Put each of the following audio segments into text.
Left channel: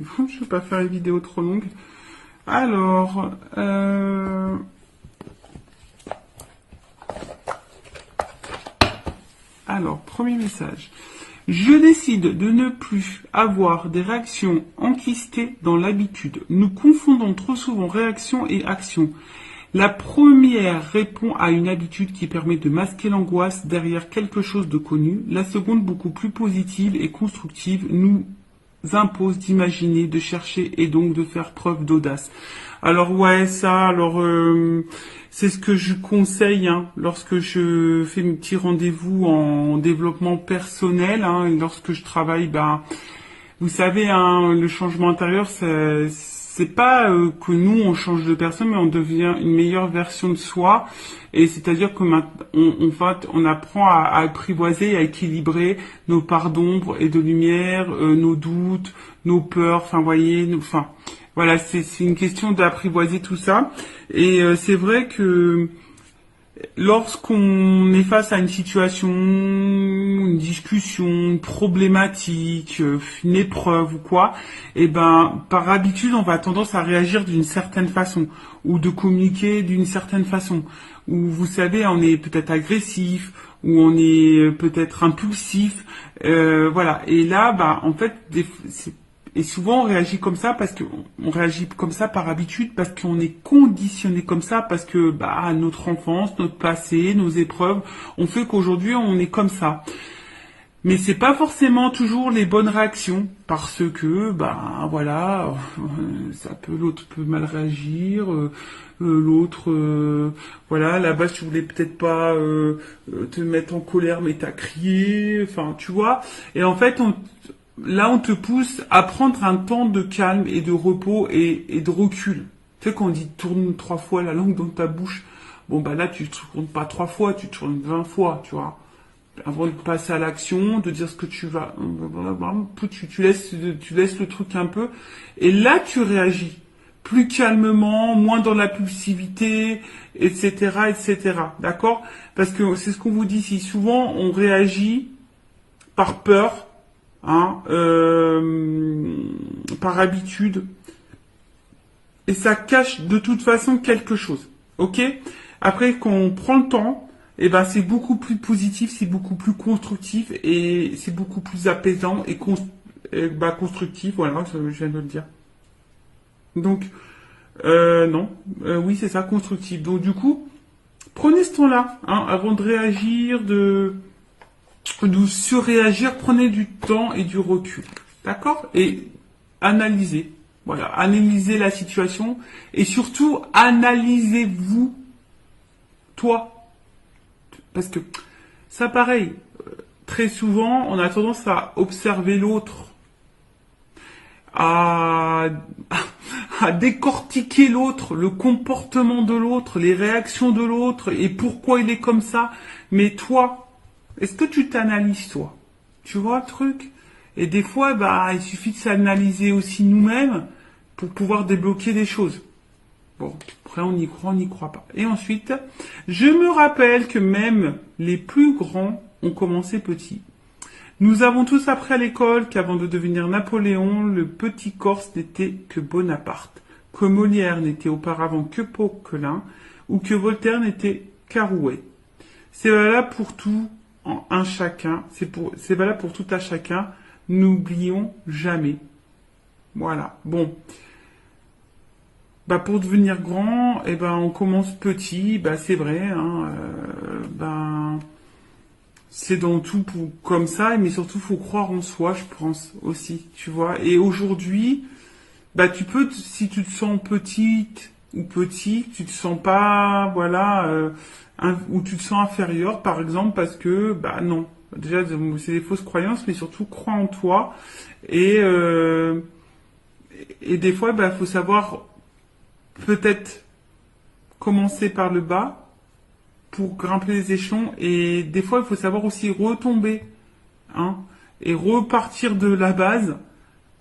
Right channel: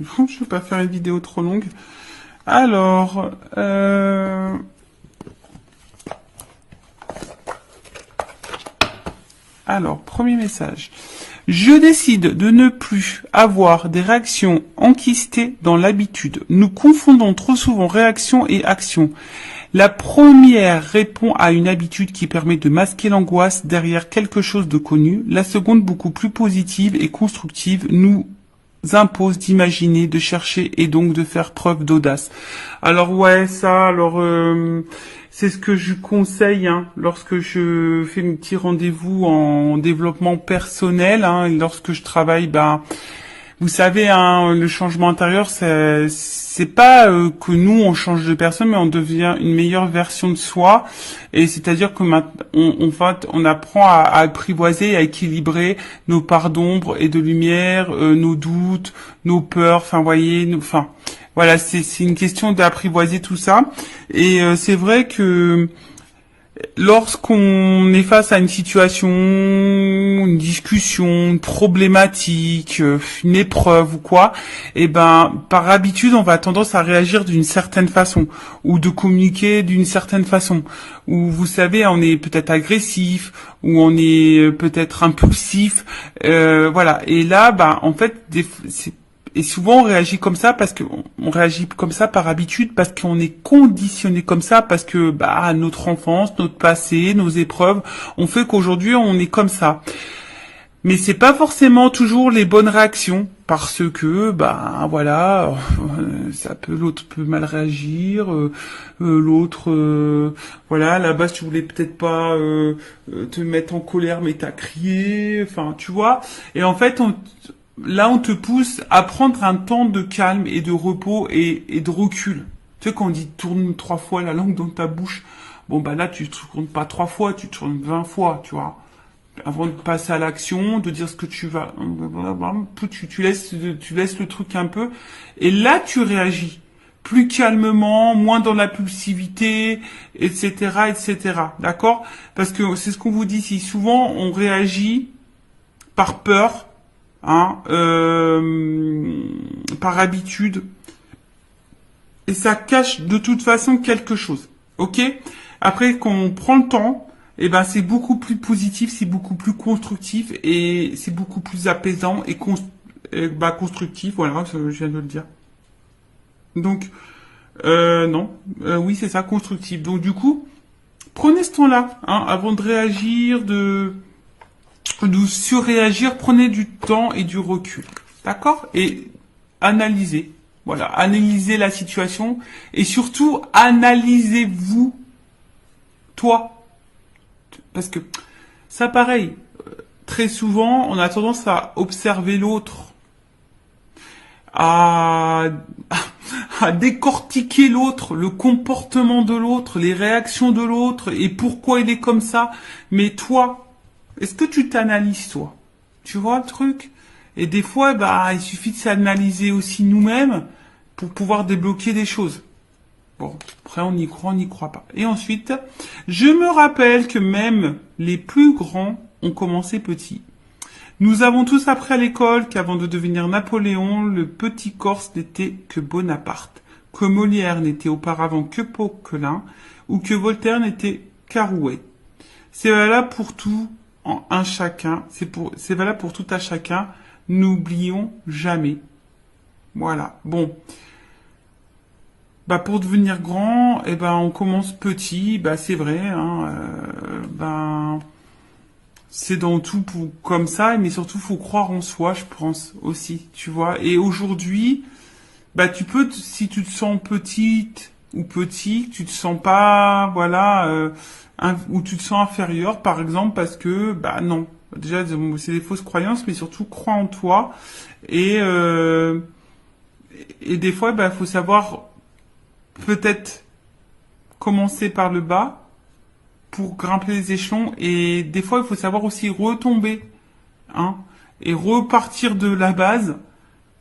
Je vais pas faire une vidéo trop longue. Alors, premier message. Je décide de ne plus avoir des réactions enquistées dans l'habitude. Nous confondons trop souvent réaction et action. La première répond à une habitude qui permet de masquer l'angoisse derrière quelque chose de connu. La seconde, beaucoup plus positive et constructive, nous impose d'imaginer, de chercher et donc de faire preuve d'audace. Alors ouais, ça, c'est ce que je conseille lorsque je fais un petit rendez-vous en développement personnel, lorsque je travaille, vous savez, le changement intérieur, c'est pas que nous on change de personne, mais on devient une meilleure version de soi. Et c'est-à-dire que on apprend à apprivoiser, à équilibrer nos parts d'ombre et de lumière, nos doutes, nos peurs. Enfin, voyez, voilà, c'est une question d'apprivoiser tout ça. Et c'est vrai que lorsqu'on est face à une situation, une discussion, une problématique, une épreuve ou quoi, par habitude, on va tendance à réagir d'une certaine façon ou de communiquer d'une certaine façon. Ou vous savez, on est peut-être agressif ou on est peut-être impulsif, voilà. Et là, en fait, et souvent on réagit comme ça parce que on réagit comme ça par habitude, parce qu'on est conditionné comme ça, parce que notre enfance, notre passé, nos épreuves ont fait qu'aujourd'hui on est comme ça. Mais c'est pas forcément toujours les bonnes réactions, parce que voilà, l'autre peut mal réagir, l'autre voilà, à la base tu voulais peut-être pas te mettre en colère, mais t'as crié, enfin tu vois. Et en fait là, on te pousse à prendre un temps de calme et de repos et de recul. Tu sais, quand on dit tourne 3 fois la langue dans ta bouche, là, tu tournes pas 3 fois, tu tournes 20 fois, tu vois. Avant de passer à l'action, de dire ce que tu vas, tu laisses le truc un peu, et là, tu réagis. Plus calmement, moins dans l'impulsivité, etc., etc. D'accord? Parce que c'est ce qu'on vous dit ici. Souvent, on réagit par peur, par habitude, et ça cache de toute façon quelque chose. Ok? Après, quand on prend le temps, c'est beaucoup plus positif, c'est beaucoup plus constructif et c'est beaucoup plus apaisant et constructif. Voilà, je viens de le dire. Donc, non, oui, c'est ça, constructif. Donc, du coup, prenez ce temps-là, avant de réagir, de surréagir, prenez du temps et du recul. D'accord? Et analysez. Voilà, analysez la situation et surtout analysez-vous, toi. Parce que ça, pareil, très souvent, on a tendance à observer l'autre, à décortiquer l'autre, le comportement de l'autre, les réactions de l'autre et pourquoi il est comme ça. Mais toi, est-ce que tu t'analyses, toi? Tu vois le truc? Et des fois, il suffit de s'analyser aussi nous-mêmes pour pouvoir débloquer des choses. Bon, après, on y croit, on n'y croit pas. Et ensuite, je me rappelle que même les plus grands ont commencé petits. Nous avons tous appris à l'école qu'avant de devenir Napoléon, le petit Corse n'était que Bonaparte, que Molière n'était auparavant que Poquelin, ou que Voltaire n'était qu'Arouet. C'est valable pour tout un chacun, c'est valable pour tout un chacun, n'oublions jamais. Voilà, bon. Pour devenir grand, on commence petit, c'est vrai, c'est dans tout comme ça, mais surtout faut croire en soi, je pense aussi, tu vois. Et aujourd'hui, tu peux, si tu te sens petite ou petit, tu te sens pas, voilà, ou tu te sens inférieur, par exemple, parce que, non, déjà c'est des fausses croyances, mais surtout crois en toi et des fois, faut savoir peut-être commencer par le bas pour grimper les échelons et des fois il faut savoir aussi retomber et repartir de la base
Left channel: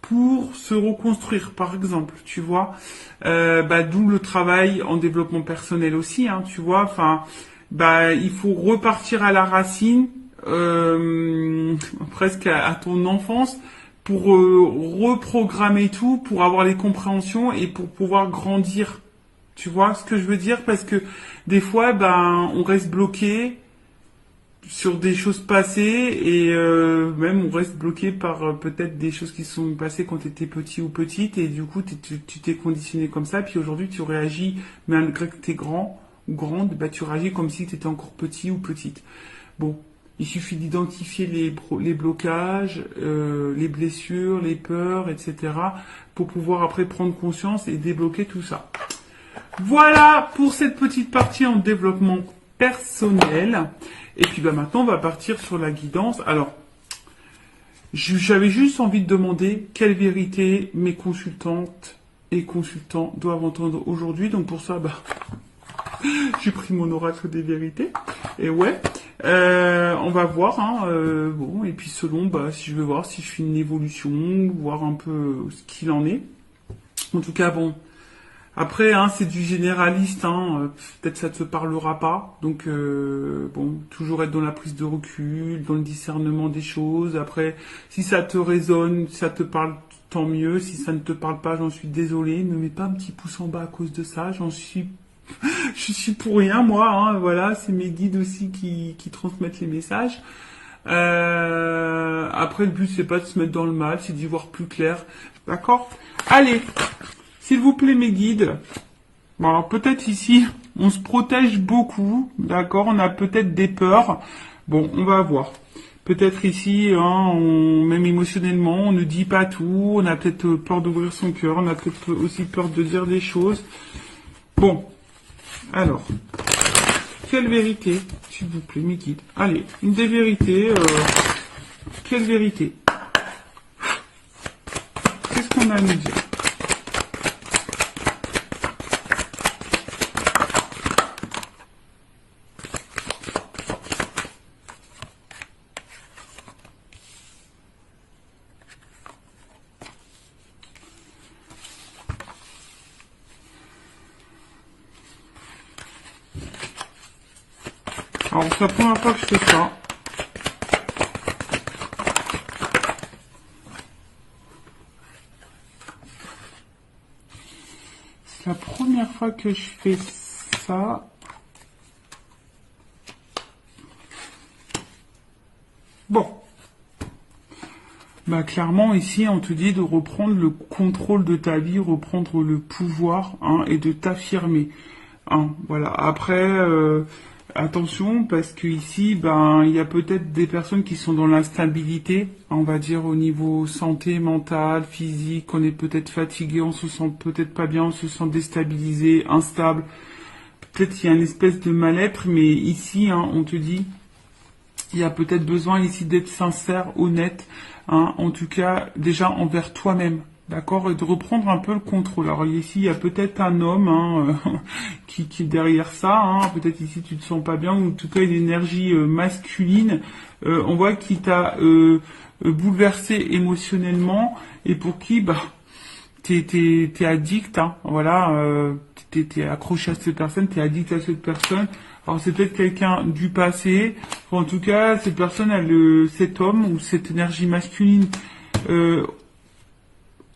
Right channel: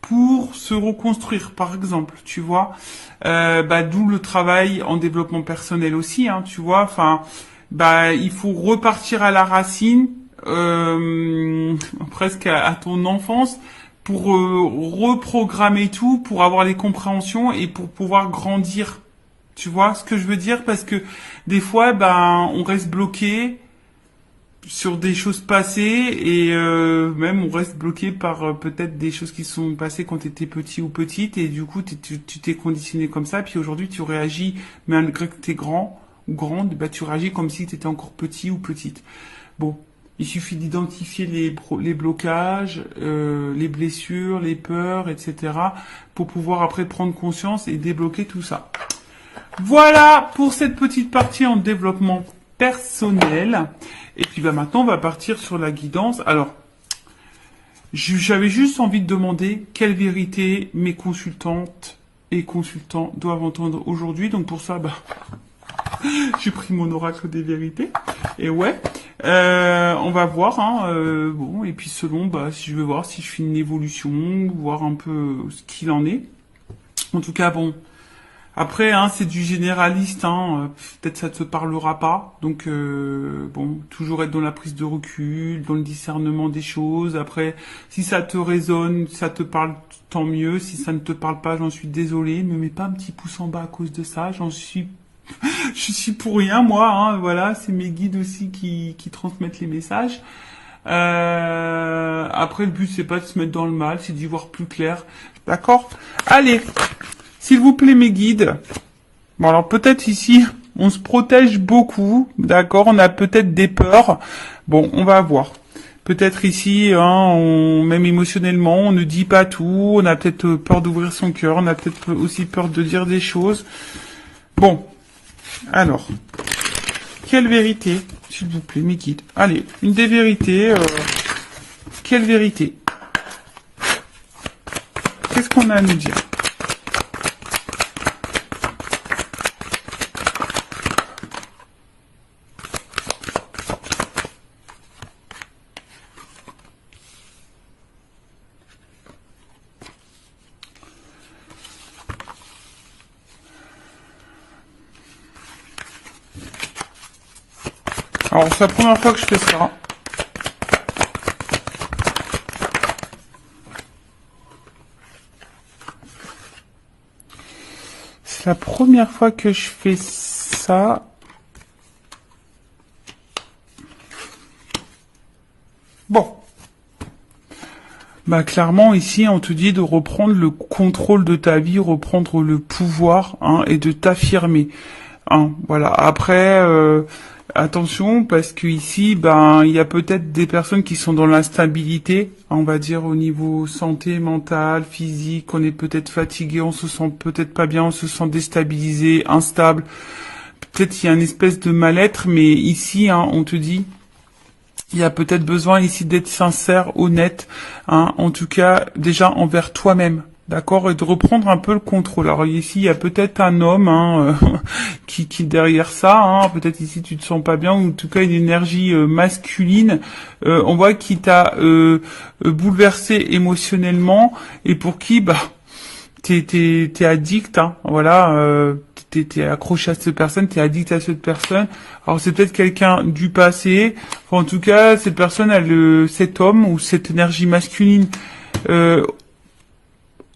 pour se reconstruire, par exemple, tu vois. D'où le travail en développement personnel aussi, tu vois. Il faut repartir à la racine, presque à ton enfance, pour reprogrammer tout, pour avoir les compréhensions et pour pouvoir grandir. Tu vois ce que je veux dire? Parce que des fois, ben, on reste bloqué sur des choses passées et même on reste bloqué par peut-être des choses qui sont passées quand tu étais petit ou petite et du coup tu t'es conditionné comme ça puis aujourd'hui tu réagis malgré que tu es grand ou grande, bah tu réagis comme si tu étais encore petit ou petite. Bon, il suffit d'identifier les blocages, les blessures, les peurs, etc. pour pouvoir après prendre conscience et débloquer tout ça. Voilà pour cette petite partie en développement personnel. Et puis bah maintenant on va partir sur la guidance. Alors, j'avais juste envie de demander quelle vérité mes consultantes et consultants doivent entendre aujourd'hui. Donc pour ça, bah, j'ai pris mon oracle des vérités. Et ouais, on va voir. Hein, bon, et puis selon, bah, si je veux voir si je fais une évolution, voir un peu ce qu'il en est. En tout cas, bon. Après, hein, c'est du généraliste, hein, peut-être ça te parlera pas. Donc, bon, toujours être dans la prise de recul, dans le discernement des choses. Après, si ça te résonne, si ça te parle, tant mieux. Si ça ne te parle pas, j'en suis désolé. Ne me mets pas un petit pouce en bas à cause de ça. Je suis pour rien, moi. Hein, voilà, c'est mes guides aussi qui transmettent les messages. Après, le but, c'est pas de se mettre dans le mal, c'est d'y voir plus clair. D'accord? Allez! S'il vous plaît, mes guides. Bon, alors peut-être ici, on se protège beaucoup, d'accord. On a peut-être des peurs. Bon, on va voir. Peut-être ici, hein, même émotionnellement, on ne dit pas tout. On a peut-être peur d'ouvrir son cœur. On a peut-être aussi peur de dire des choses. Bon, alors, quelle vérité, s'il vous plaît, mes guides. Allez, une des vérités. Quelle vérité? Qu'est-ce qu'on a à nous dire? Alors, c'est la première fois que je fais ça. C'est la première fois que je fais ça. Bon. Bah, clairement, ici, on te dit de reprendre le contrôle de ta vie, reprendre le pouvoir, hein, et de t'affirmer. Hein, voilà. Après, attention, parce que ici, ben, il y a peut-être des personnes qui sont dans l'instabilité, on va dire au niveau santé, mentale, physique, on est peut-être fatigué, on se sent peut-être pas bien, on se sent déstabilisé, instable. Peut-être il y a une espèce de mal-être, mais ici, hein, on te dit, il y a peut-être besoin ici d'être sincère, honnête, hein, en tout cas, déjà envers toi-même. D'accord, et de reprendre un peu le contrôle. Alors ici, il y a peut-être un homme hein, qui est derrière ça. Hein. Peut-être ici, tu te sens pas bien, ou en tout cas une énergie masculine. On voit qui t'a bouleversé émotionnellement et pour qui, bah, t'es addict. Hein. Voilà, t'es accroché à cette personne, t'es addict à cette personne. Alors c'est peut-être quelqu'un du passé. En tout cas, cette personne, cet homme ou cette énergie masculine.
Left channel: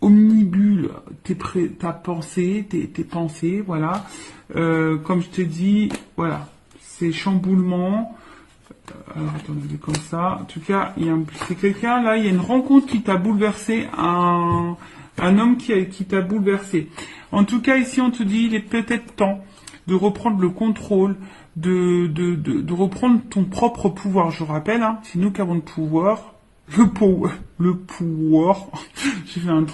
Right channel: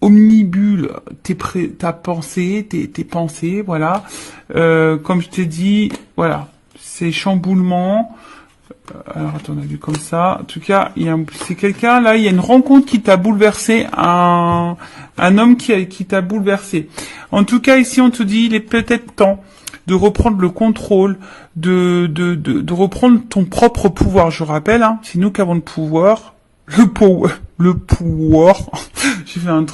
Omnibule ta pensée, tes pensées, voilà. Comme je t'ai dit, voilà, c'est chamboulement. Alors attends, on a vu comme ça. En tout cas, c'est quelqu'un là. Il y a une rencontre qui t'a bouleversé, un homme qui t'a bouleversé. En tout cas, ici, on te dit, il est peut-être temps de reprendre le contrôle, de reprendre ton propre pouvoir. Je rappelle, hein, c'est nous qui avons le pouvoir. Le pouvoir, j'ai fait un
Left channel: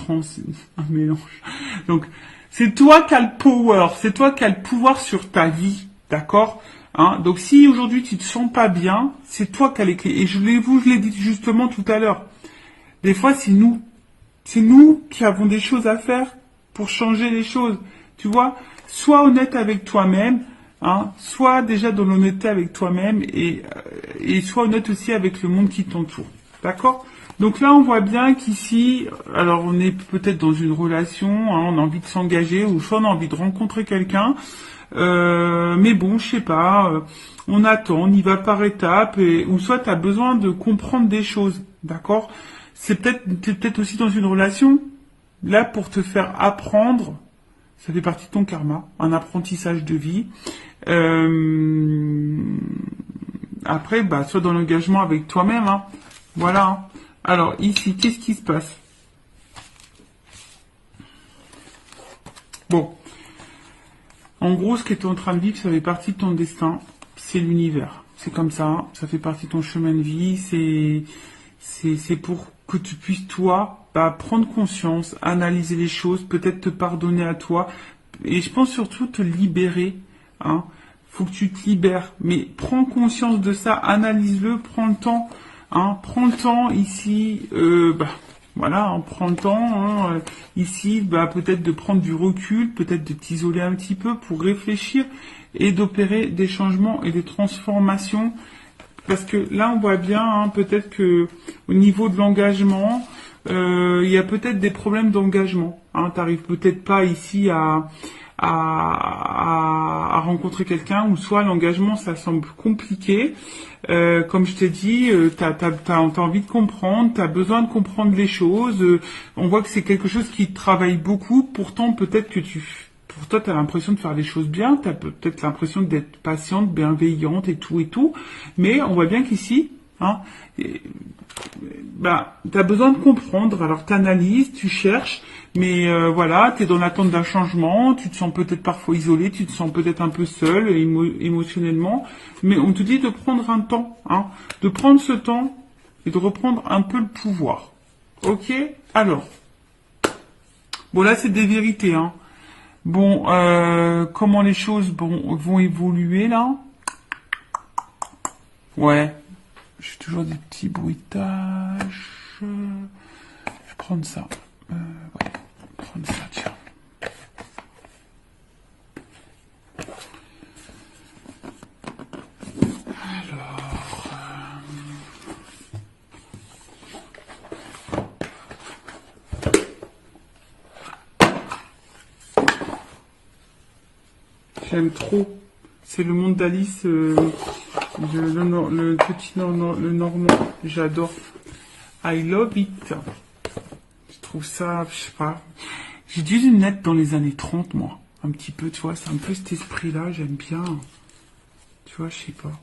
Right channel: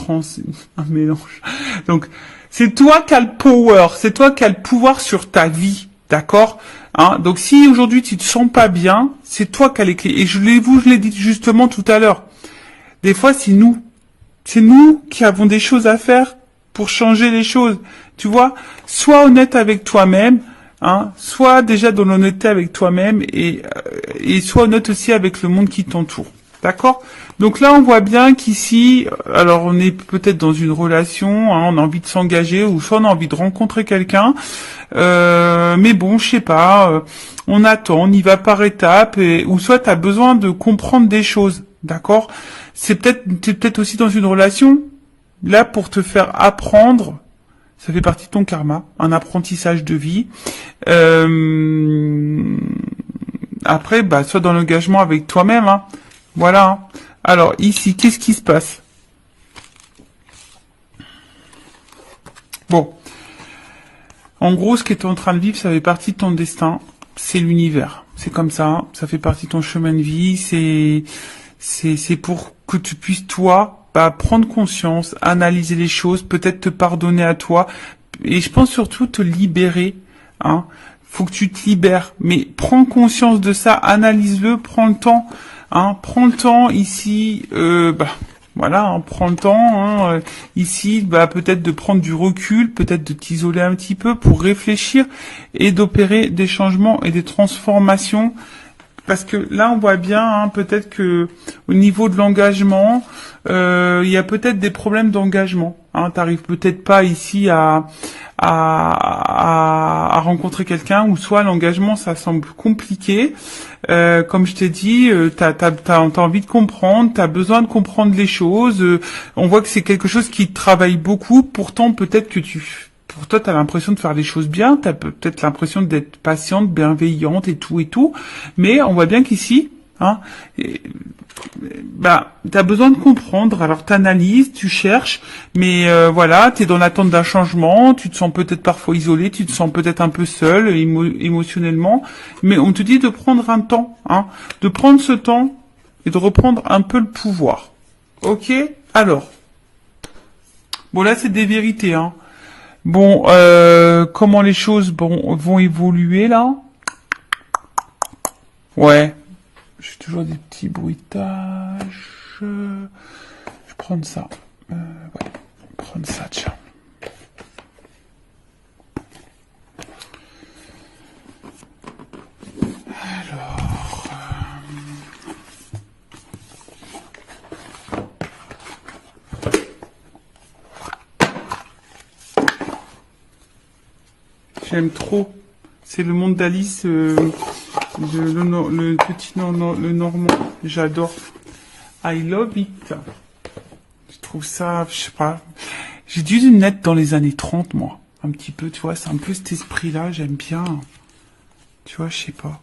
mélange. Donc, c'est toi qui as le power, c'est toi qui as le pouvoir sur ta vie, d'accord? Hein? Donc, si aujourd'hui tu te sens pas bien, c'est toi qui as les clés. Et je l'ai dit justement tout à l'heure. Des fois, c'est nous qui avons des choses à faire pour changer les choses. Tu vois, sois honnête avec toi-même. Hein, sois déjà dans l'honnêteté avec toi-même et sois honnête aussi avec le monde qui t'entoure. D'accord? Donc là, on voit bien qu'ici, alors on est peut-être dans une relation, hein, on a envie de s'engager, ou soit on a envie de rencontrer quelqu'un, mais bon, je sais pas, on attend, on y va par étapes, ou soit tu as besoin de comprendre des choses, d'accord? t'es peut-être aussi dans une relation, là, pour te faire apprendre, ça fait partie de ton karma, un apprentissage de vie. Après, bah, sois dans l'engagement avec toi-même, hein. Voilà, hein. Alors, ici, qu'est-ce qui se passe? Bon. En gros, ce que tu es en train de vivre, ça fait partie de ton destin. C'est l'univers. C'est comme ça, hein. Ça fait partie de ton chemin de vie. C'est pour que tu puisses, toi, bah, prendre conscience, analyser les choses, peut-être te pardonner à toi. Et je pense surtout te libérer, hein. Faut que tu te libères. Mais prends conscience de ça, analyse-le, prends le temps, hein. Prends le temps ici, voilà, hein, prends le temps, hein, ici, bah, peut-être de prendre du recul, peut-être de t'isoler un petit peu pour réfléchir et d'opérer des changements et des transformations. Parce que là, on voit bien, hein, peut-être que au niveau de l'engagement, il y a peut-être des problèmes d'engagement. Hein, t'arrives peut-être pas ici à rencontrer quelqu'un, ou soit l'engagement, ça semble compliqué. Comme je t'ai dit, t'as envie de comprendre, t'as besoin de comprendre les choses. On voit que c'est quelque chose qui te travaille beaucoup. Pourtant, peut-être que pour toi, t'as l'impression de faire les choses bien. T'as peut-être l'impression d'être patiente, bienveillante et tout. Mais on voit bien qu'ici, hein, t'as besoin de comprendre. Alors, t'analyses, tu cherches, mais voilà, t'es dans l'attente d'un changement. Tu te sens peut-être parfois isolé, tu te sens peut-être un peu seul émotionnellement. Mais on te dit de prendre un temps, hein, de prendre ce temps et de reprendre un peu le pouvoir. Ok? Alors, bon là, c'est des vérités, hein. Bon, comment les choses vont évoluer là? Ouais, j'ai toujours des petits bruitages. Je vais prendre ça. Ouais, prendre ça, tiens. J'aime trop. C'est le monde d'Alice, le petit le normand. J'adore. I love it. Je trouve ça, je sais pas. J'ai dû naître dans les années 30, moi. Un petit peu, tu vois. C'est un peu cet esprit-là. J'aime bien. Tu vois, je sais pas.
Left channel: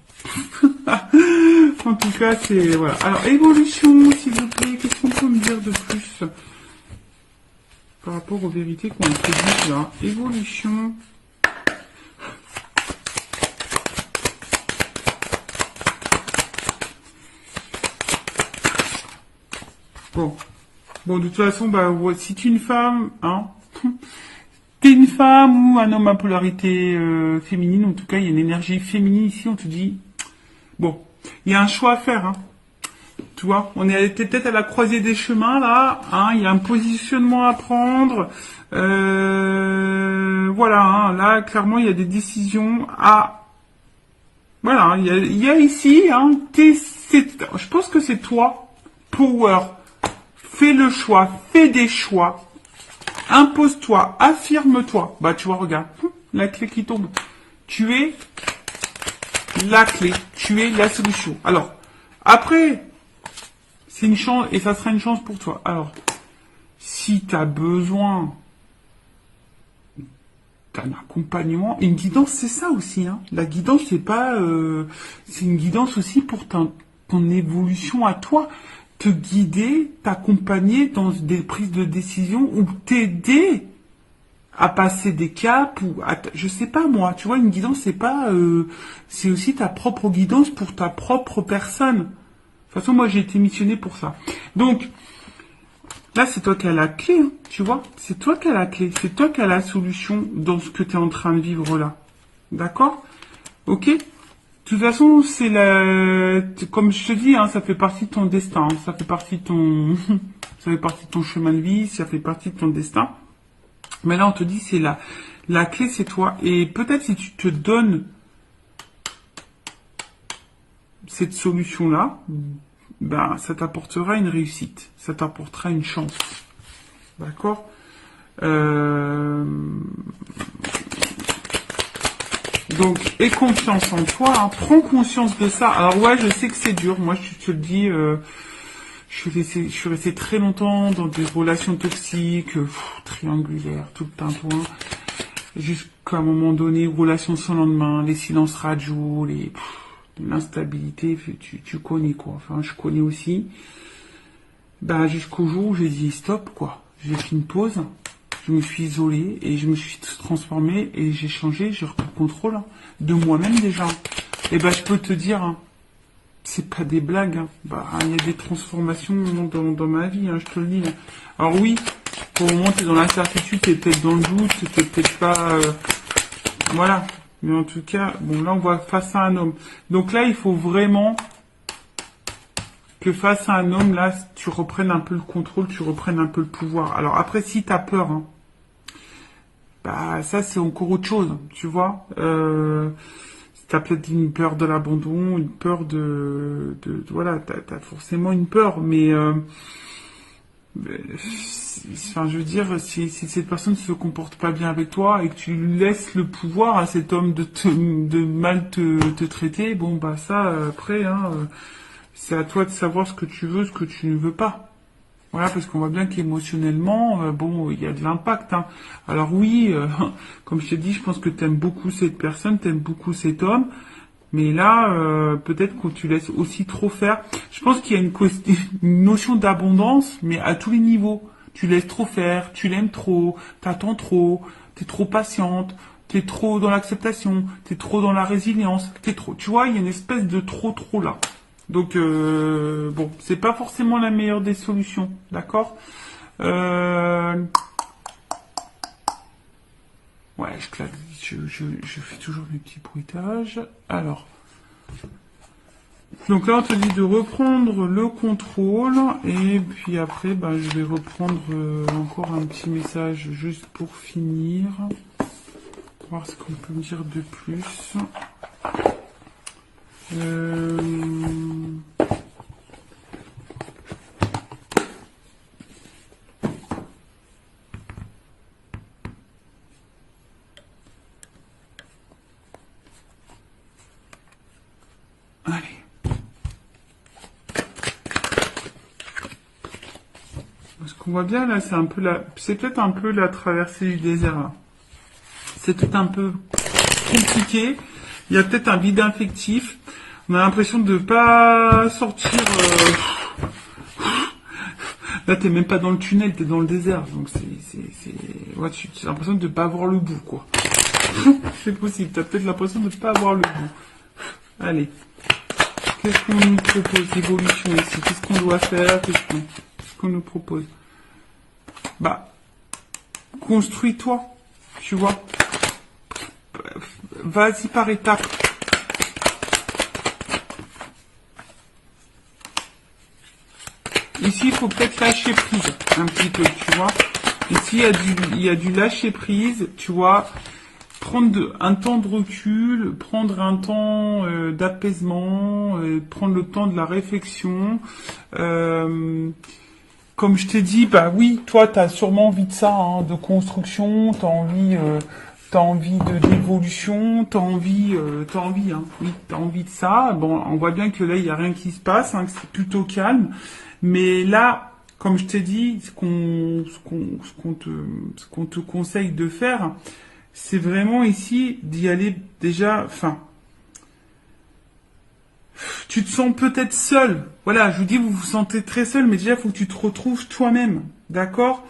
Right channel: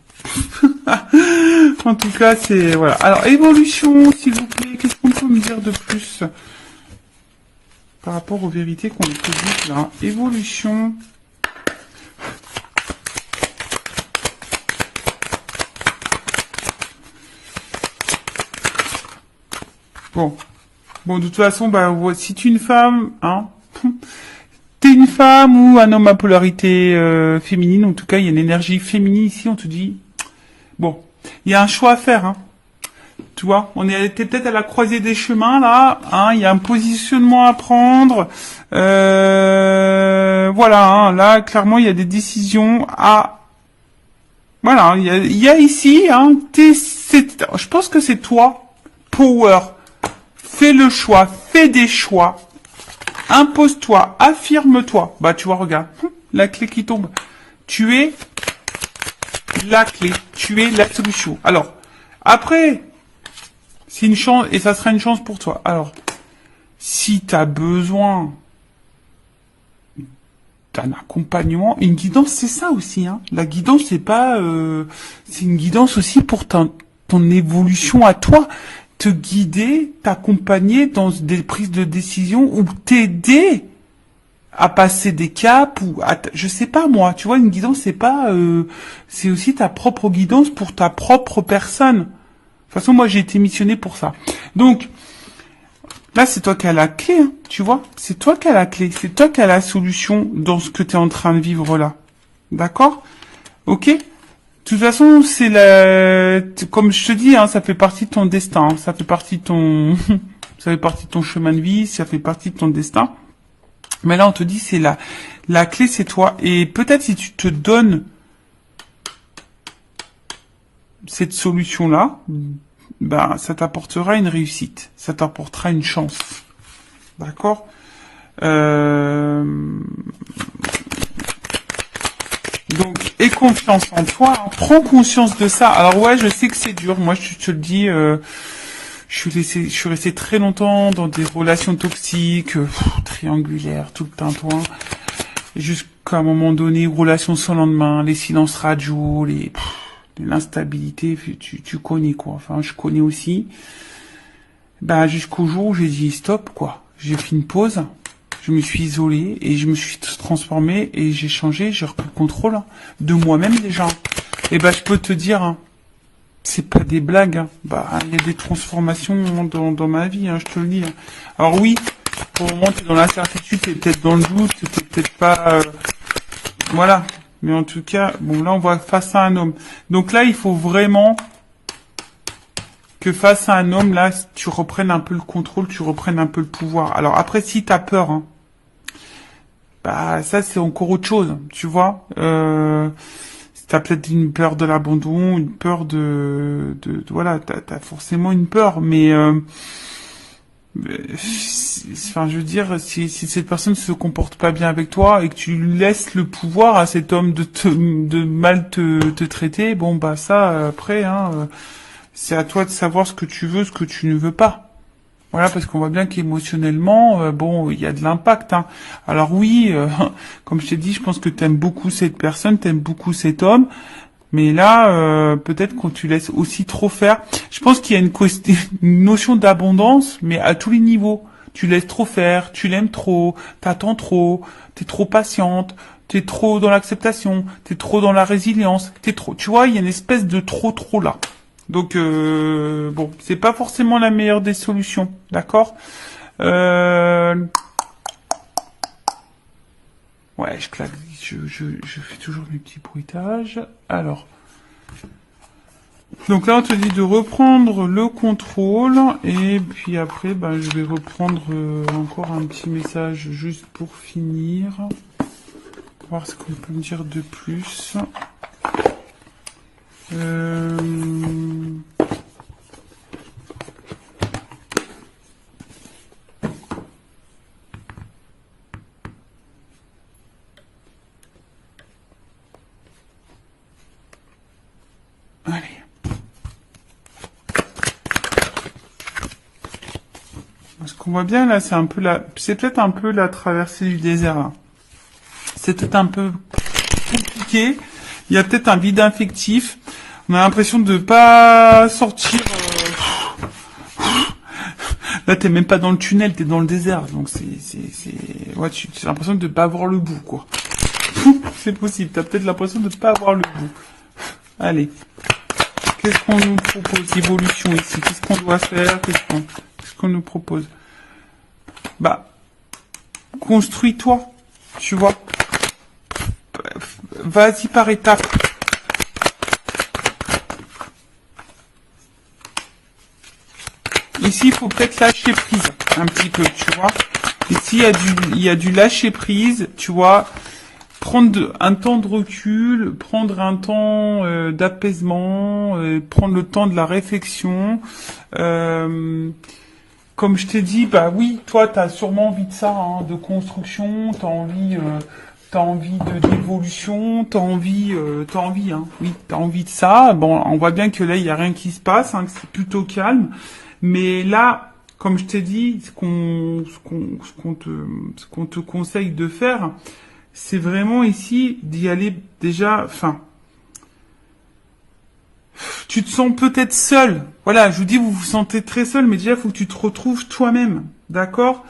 En tout cas, c'est, voilà. Alors, évolution, s'il vous plaît. Qu'est-ce qu'on peut me dire de plus par rapport aux vérités qu'on a dit là? Évolution. Bon, de toute façon, bah, si tu es une femme, hein, t'es une femme ou un homme à polarité féminine, en tout cas, il y a une énergie féminine ici, on te dit, bon, il y a un choix à faire, hein. Tu vois, t'es peut-être à la croisée des chemins, là, hein, il y a un positionnement à prendre, voilà, hein, là, clairement, il y a des décisions à, voilà, il y a ici, hein, je pense que c'est toi, power. Fais le choix, fais des choix, impose-toi, affirme-toi. Bah, tu vois, regarde, la clé qui tombe. Tu es la clé, tu es la solution. Alors, après, c'est une chance, et ça sera une chance pour toi. Alors, si tu as besoin d'un accompagnement, une guidance, c'est ça aussi, hein. La guidance, c'est pas, c'est une guidance aussi pour ton évolution à toi. Te guider, t'accompagner dans des prises de décision ou t'aider à passer des caps ou je sais pas moi, tu vois, une guidance c'est pas c'est aussi ta propre guidance pour ta propre personne. De toute façon, moi j'ai été missionné pour ça. Donc là, c'est toi qui as la clé, hein, tu vois, c'est toi qui as la clé, c'est toi qui as la solution dans ce que tu es en train de vivre là. D'accord? OK? De toute façon, comme je te dis, hein, ça fait partie de ton destin, hein, ça fait partie de ton chemin de vie, ça fait partie de ton destin. Mais là, on te dit, c'est la clé, c'est toi. Et peut-être si tu te donnes cette solution-là, ben, ça t'apportera une réussite, ça t'apportera une chance. D'accord? Donc, aie confiance en toi, hein, prends conscience de ça. Alors ouais, je sais que c'est dur, moi je te le dis, je suis resté très longtemps dans des relations toxiques, triangulaires, tout le tintouin. Jusqu'à un moment donné, relations sans lendemain, les silences radio, l'instabilité, tu connais quoi. Enfin, je connais aussi. Ben, jusqu'au jour où j'ai dit stop, quoi. J'ai fait une pause, je me suis isolé et je me suis transformé et j'ai changé, j'ai repris le contrôle de moi-même déjà. Et ben, je peux te dire, c'est pas des blagues. Bah, il y a des transformations dans ma vie, je te le dis. Alors oui, pour le moment, t'es dans l'incertitude, t'es peut-être dans le doute, t'es peut-être pas, voilà. Mais en tout cas, bon, là, on va face à un homme. Donc là, il faut vraiment que face à un homme, là, tu reprennes un peu le contrôle, tu reprennes un peu le pouvoir. Alors après, si t'as peur, bah ça c'est encore autre chose, tu vois. T'as peut-être une peur de l'abandon, une peur voilà, t'as forcément une peur, mais enfin, je veux dire, si cette personne se comporte pas bien avec toi et que tu laisses le pouvoir à cet homme de mal te traiter, bon bah ça après, c'est à toi de savoir ce que tu veux, ce que tu ne veux pas. Voilà, parce qu'on voit bien qu'émotionnellement, bon, il y a de l'impact. Alors oui, comme je t'ai dit, je pense que t'aimes beaucoup cette personne, t'aimes beaucoup cet homme, mais là, peut-être qu'on tu laisses aussi trop faire. Je pense qu'il y a une notion d'abondance, mais à tous les niveaux. Tu laisses trop faire, tu l'aimes trop, t'attends trop, t'es trop patiente, t'es trop dans l'acceptation, t'es trop dans la résilience, t'es trop. Tu vois, il y a une espèce de trop là. Donc bon, c'est pas forcément la meilleure des solutions, d'accord. Ouais, je claque, je fais toujours mes petits bruitages. Alors, donc là on te dit de reprendre le contrôle et puis après, ben, je vais reprendre encore un petit message juste pour finir. Voir ce qu'on peut me dire de plus. Allez. Ce qu'on voit bien là, c'est peut-être un peu la traversée du désert là. C'est peut-être un peu compliqué. Il y a peut-être un vide affectif. On a l'impression de pas sortir. Là, t'es même pas dans le tunnel, t'es dans le désert. Donc ouais, tu as l'impression de pas avoir le bout, quoi. C'est possible. T'as peut-être l'impression de pas avoir le bout. Allez. Qu'est-ce qu'on nous propose? Évolution ici. Qu'est-ce qu'on doit faire? Qu'est-ce qu'on nous propose? Bah, construis-toi. Tu vois. Vas-y par étapes. Ici, il faut peut-être lâcher prise un petit peu, tu vois. Ici, il y a du lâcher prise, tu vois. Prendre un temps de recul, prendre un temps d'apaisement, prendre le temps de la réflexion. Comme je t'ai dit, bah oui, toi, t'as sûrement envie de ça, de construction, t'as envie d'évolution, t'as envie, oui, t'as envie de ça. Bon, on voit bien que là, il y a rien qui se passe, que c'est plutôt calme. Mais là, comme je t'ai dit, ce qu'on te conseille de faire, c'est vraiment ici d'y aller déjà, enfin, tu te sens peut-être seul. Voilà, je vous dis, vous vous sentez très seul, mais déjà, il faut que tu te retrouves toi-même, d'accord?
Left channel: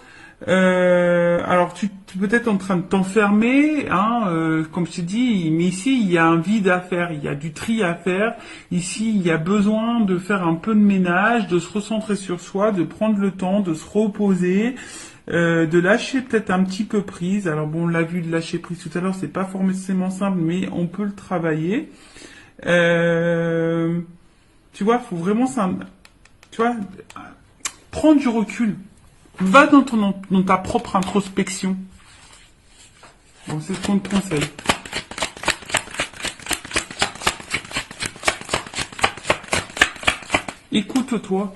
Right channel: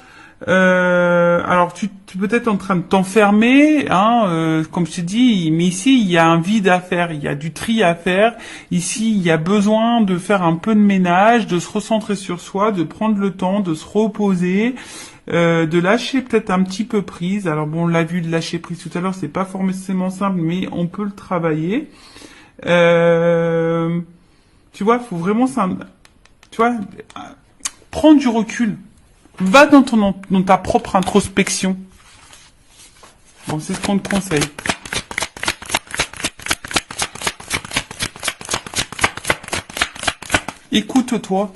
Alors, tu es peut-être en train de t'enfermer, comme je t'ai dit, mais ici, il y a un vide à faire, il y a du tri à faire. Ici, il y a besoin de faire un peu de ménage, de se recentrer sur soi, de prendre le temps, de se reposer, de lâcher peut-être un petit peu prise. Alors bon, on l'a vu de lâcher prise tout à l'heure, c'est pas forcément simple, mais on peut le travailler. Tu vois, faut vraiment tu vois, prendre du recul. Va dans ta propre introspection. Bon, c'est ce qu'on te conseille. Écoute-toi.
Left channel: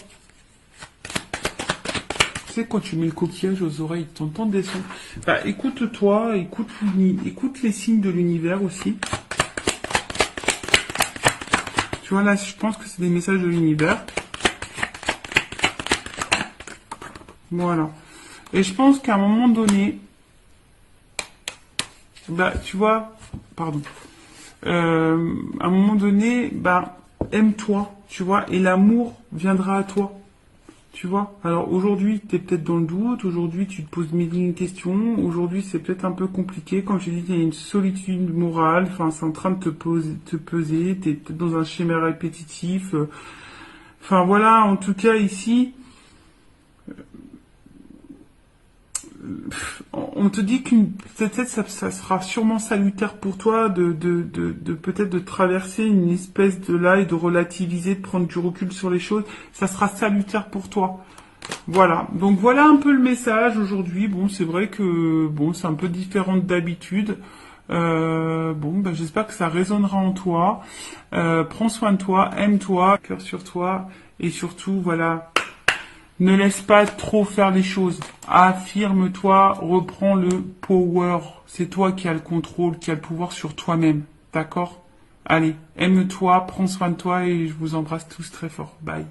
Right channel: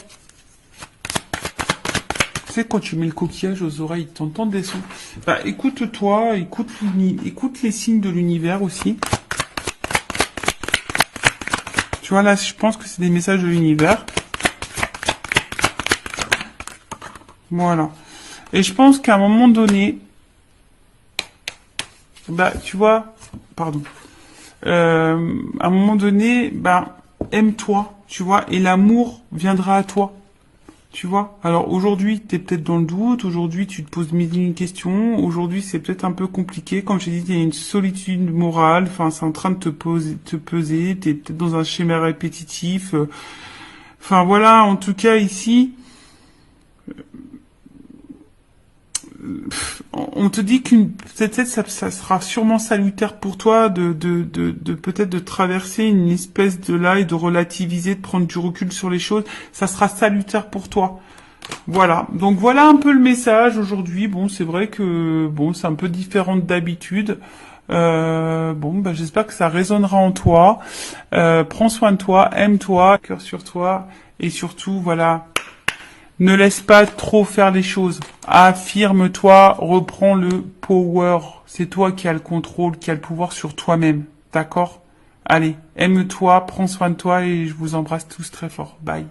Tu sais, quand tu mets le coquillage aux oreilles, t'entends des sons. Bah, écoute-toi, écoute les signes de l'univers aussi. Tu vois, là, je pense que c'est des messages de l'univers. Voilà. Et je pense qu'à un moment donné, bah, tu vois, pardon, à un moment donné, bah, aime-toi, tu vois, et l'amour viendra à toi. Tu vois, alors aujourd'hui, tu es peut-être dans le doute, aujourd'hui, tu te poses mille et une questions, aujourd'hui, c'est peut-être un peu compliqué. Comme j'ai dit, il y a une solitude morale, enfin, c'est en train de te peser, tu es peut-être dans un schéma répétitif. Enfin, voilà, en tout cas, ici, on te dit qu'une peut-être ça sera sûrement salutaire pour toi de peut-être de traverser une espèce de là et de relativiser, de prendre du recul sur les choses. Ça sera salutaire pour toi. Voilà, donc voilà un peu le message aujourd'hui. Bon, c'est vrai que bon, c'est un peu différent d'habitude. Bon, bah, j'espère que ça résonnera en toi. Prends soin de toi, aime-toi, cœur sur toi, et surtout, voilà, ne laisse pas trop faire les choses. Affirme-toi, reprends le power. C'est toi qui as le contrôle, qui as le pouvoir sur toi-même. D'accord? Allez, aime-toi, prends soin de toi et je vous embrasse tous très fort. Bye.